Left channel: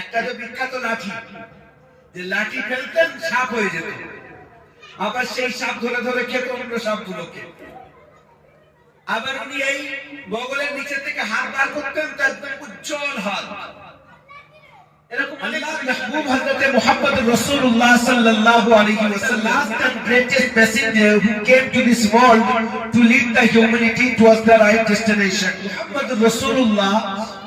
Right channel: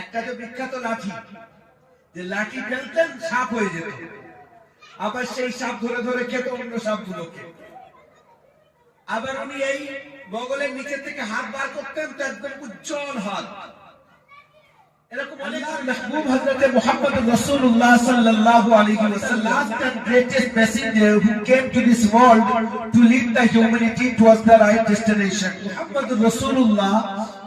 একটা যে বিখ্যাত লাঠি, যে লাঠি ফেলতেন সাপ হয়ে যেত। আবার সেই সাপ ধরে ধরে খেত অন্য সাপগুলোকে। আবার উনি এই বগলের নিচে থেকে হাত বার করতেন, তো একদম উজ্জ্বল হাত। এরকম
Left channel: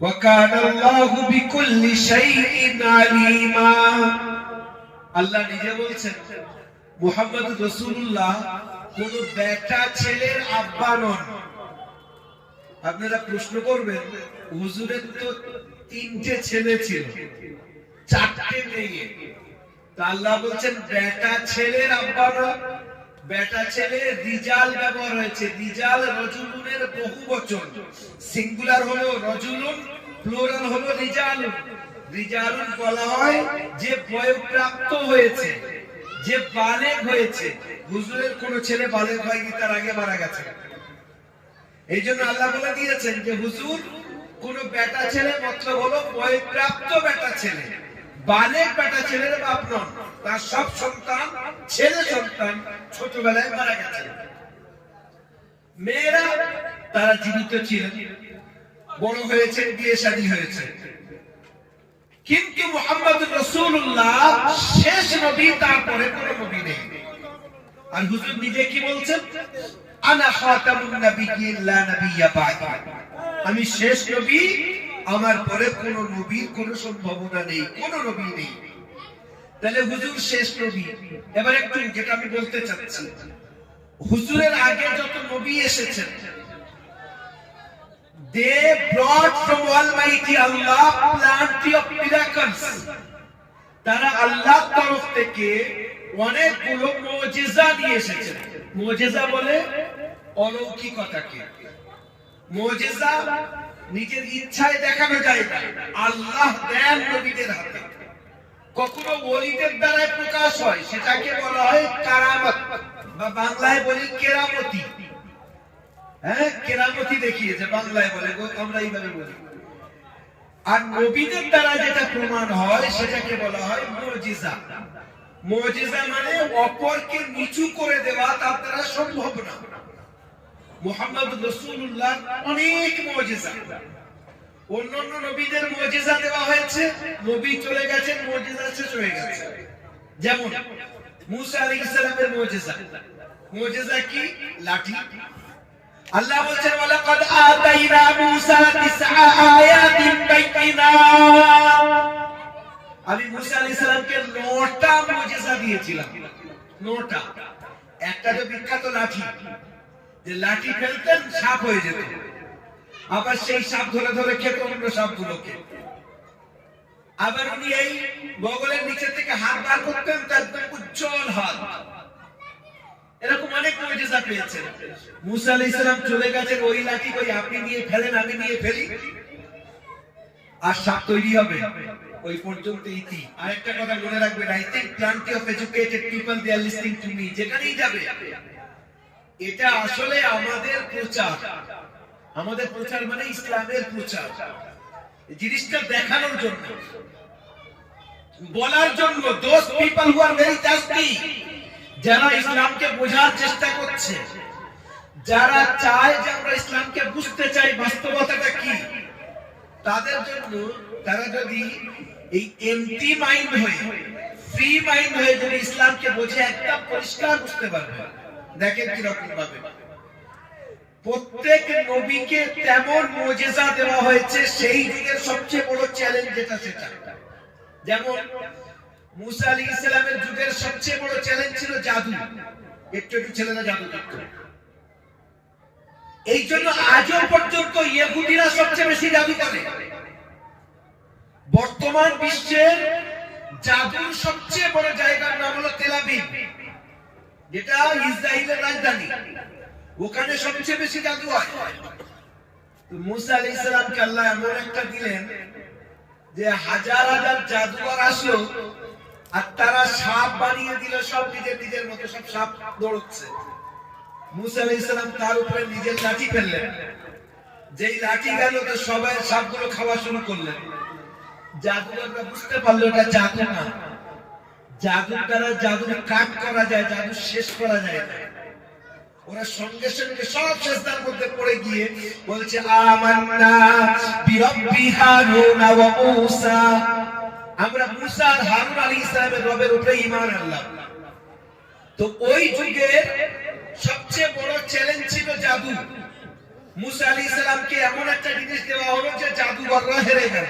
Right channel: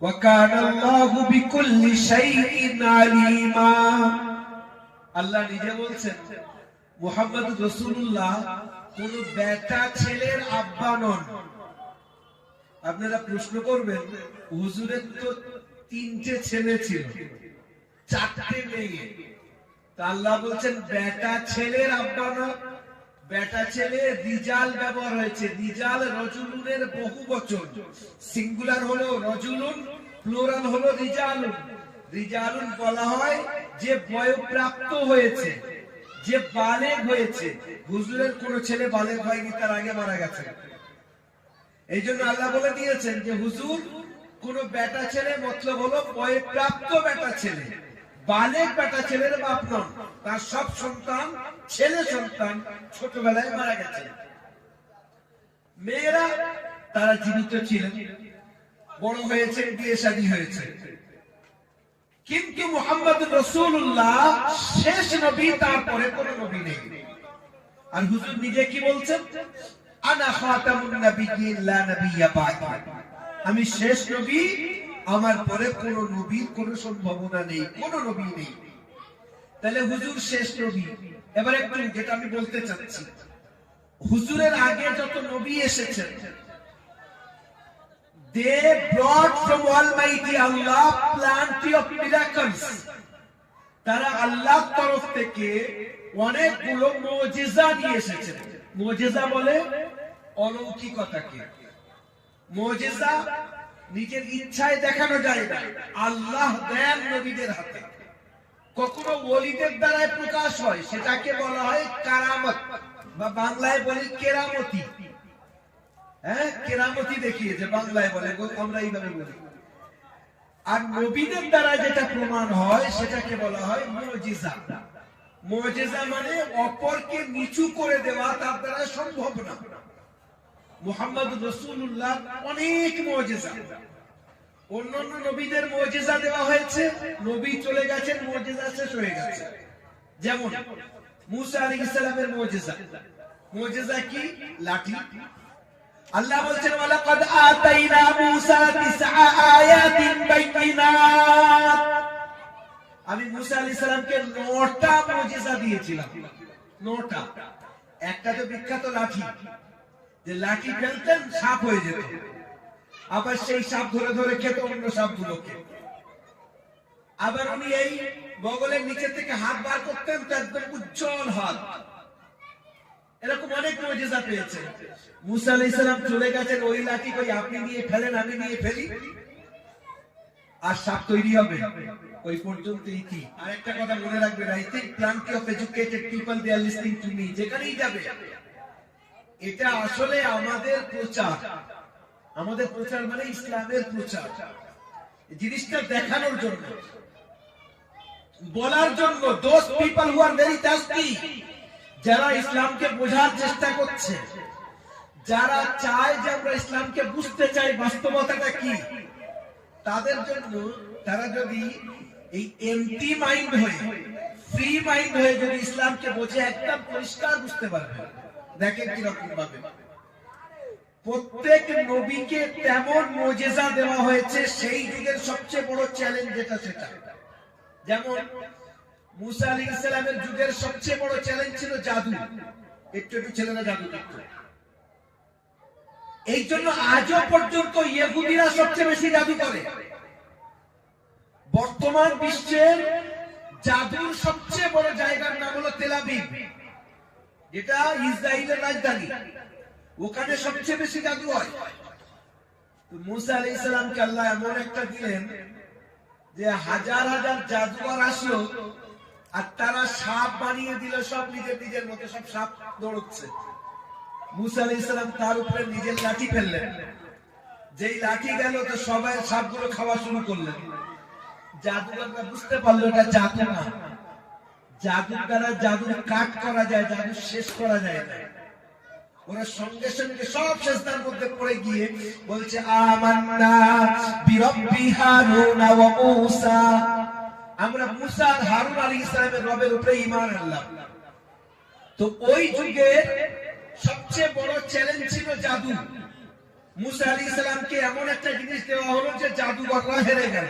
وكان الله بكل شيء عليما আল্লাহ নিজে বলছেন মোহাম্মদ রসুল্লাহ কোন বেটা ছেলের আব্বা নন আপনারা প্রশ্ন করবেন হুজুরের তো তিনটে ছেলে ছিল চারটে মেয়ে তা আল্লাহ বলছেন বেটা ছেলের আব্বা না বেটা ছেলে রিজাল ব্যবহার হয়েছে। রিজাল রজুলুনের বহু বচন। সিঙ্গুলার হলো রজুলুন হলো রিজালুন রিজালুন বলা হয় যে বয়প্রাপ্ত হয়েছে, যে বালেগ হয়েছে। হুজুরের কোন ছেলে বালেগ হয়নি, তার আগে মারা গেছে। এই জন্য আল্লাহ বলে দিয়েছেন যে, হুজুর, কোন বেটা ছেলে মতলব হলো বয়প্রাপ্ত বেটা ছেলে। বালেগ বেটা ছেলের বাপ নন। তার সব সন্তান, ছেলে সন্তান ছোটবেলায় মারা গেছে মেয়েরা তারা জীবিত ছিলেন বড় হয়েছেন, বিয়ে শাদী হয়েছে। কিন্তু মোহাম্মদ রসুল্লাহ শেষ নবী, তারপরে কোন নবী নেই। আর হুজুর নিজে কি বলছেন? আনা খাতামুন নাবিয়্যিন লা নাবিয়্যা আমি শেষ নবী, আমার পরে কোন নবীর কোন সম্ভাবনা নেই, কোন নবী নেই। তাহলে হুজুর শেষ নবী। এবার একটু যেটা আমি বলতে চাচ্ছি, হুজুরের আগে যত নবী এসেছেন, they brought from Almighty Allah plenty of miracles তারা আল্লাহর তরফ থেকে অনেকগুলো মুজিজা দিয়ে এসেছেন। মুজিজা বলে অলৌকিকতাকে। মুজিজা নিজের ইচ্ছায় দেখানো যায় আল্লাহ দেন নবীদের হাতে। কখনো ওলিদের দ্বারাই প্রকাশ হয়, সেটাকে বলা হয় কারামত। বা বাংলায় বলি কেরামতি। হ্যাঁ কেরামতি দেখিয়েছে, বাংলায় বলে আমরা এইভাবে বলি। আর নবীদের দ্বারা যেটা প্রমাণ হয়, সেটাকে বলা হয় মুজিজা। মুজিজা মানে অপরকে নিচু করে দেওয়া, তার দ্বারা সম্ভব না। মোহাম্মদ রাসূলুল্লাহ অনেক মুজিজা। অন্যান্য নবীদের মুজিজা দেওয়া হয়েছে, নবী চলে গেছেন, মুজিজা শেষ হয়ে গেছে। যেমন মুসা আলাইহিস সালামের মুজিজা। মুজিজা কি? লাঠি। আল্লাহ বলছেন, ওয়ালাকাদ আতাইনা মূসা তিসআ আয়াতিন বাইয়িনাত। আমি মুসা আলাইহিস সালামকে নটা মুজিজা দিয়েছিলাম। নটা। একটা তো বিখ্যাত লাঠি। যে লাঠি ফেলতেন, সাপ হয়ে যেত। আবার সেই সাপ ধরে ধরে খেত, অন্য সাপগুলোকে আবার উনি এই বগলের নিচে থেকে হাত বার করতেন, তো একদম উজ্জ্বল হাত। এরকম অনেক মুসা চলে ওই লাঠি আপনি নিয়ে ফেলেন, আমি নিয়ে ফেলি। আর সাপ তৈরি হবে। ওই পর্যন্ত ইতি। আরেকটা কথা মনে রাখবেন I think plenty of educated people they are listening to me যেখানেই যাবে। এটা আসলে আমাদের প্রচার। আমাদের প্রচার মানে ইসলামের প্রচার। জিনিসটা দেখানোর জন্য। বলার জন্য those people who are very tasty যারা ইসলামকে বোঝার চেষ্টা করছে, যারা চায় যে আমরা ইসলামকে বুঝতে চাই বাস্তবতাটা কি, তাদের জন্য তারা যদি এই এমটি মাইন্ড হয়ে ফ্রি মাইন্ড হয়ে যদি ইসলামকে বোঝে, একটা পরিষ্কার বুঝতে পারবে। দেখেন কীরকম ভাবে প্রত্যেক নবীকে তেমন মজেজা দেওয়া হয়েছে, সেই যুগের সবচেয়ে বড় চ্যালেঞ্জ যেটা সেটা। যেমন মুসা আলী ইসলামের যুগের সবচেয়ে বড় চ্যালেঞ্জ ছিল জাদু। একটু একটু ছেলেরা জাদু করত। এই জন্য আজও পর্যন্ত ইহুদিরা সবচেয়ে বেশি জাদু করে। বর্তমান বিশ্বের জাদুর সবচেয়ে বড় জায়গার নাম হলো তেলাবিব যেটা ইসরায়েলের রাজধানী। ওখানে সবচেয়ে বেশি জাদু হয়। মুসা আলাইহিস সালামকে আল্লাহ এমন একটা দিলেন যে হাজার হাজার আসলো আর তারা সাপ বানিয়ে দিল, সব নিজের নিজের মতো সব সাপ দৌড়চ্ছে। মুসা আলাইহিস সালাম তার উপরে নিজের লাঠি ফেললেন। যেই লাঠি গেল, তো সবাই সাপগুলো খাওয়া শুরু করলেন। জাদুকররা বুঝতে পারল এটা জাদু না। জাদুর দ্বারা জাদুর কাট করা যায়, জাদু শেষ করা যায় ওরা সঙ্গে সঙ্গে সব চেষ্টার মধ্যে পড়ে গিয়ে বলছে আমরা হারুন রবের উপরে আনলাম। তো ওই যুগে সবচেয়ে বড় চ্যালেঞ্জ ছিল জাদু। মুসা আলাইহিস সালামকে এমন একটা জিনিস দেওয়া হলো যে জাদুঘররা হেরে গেল।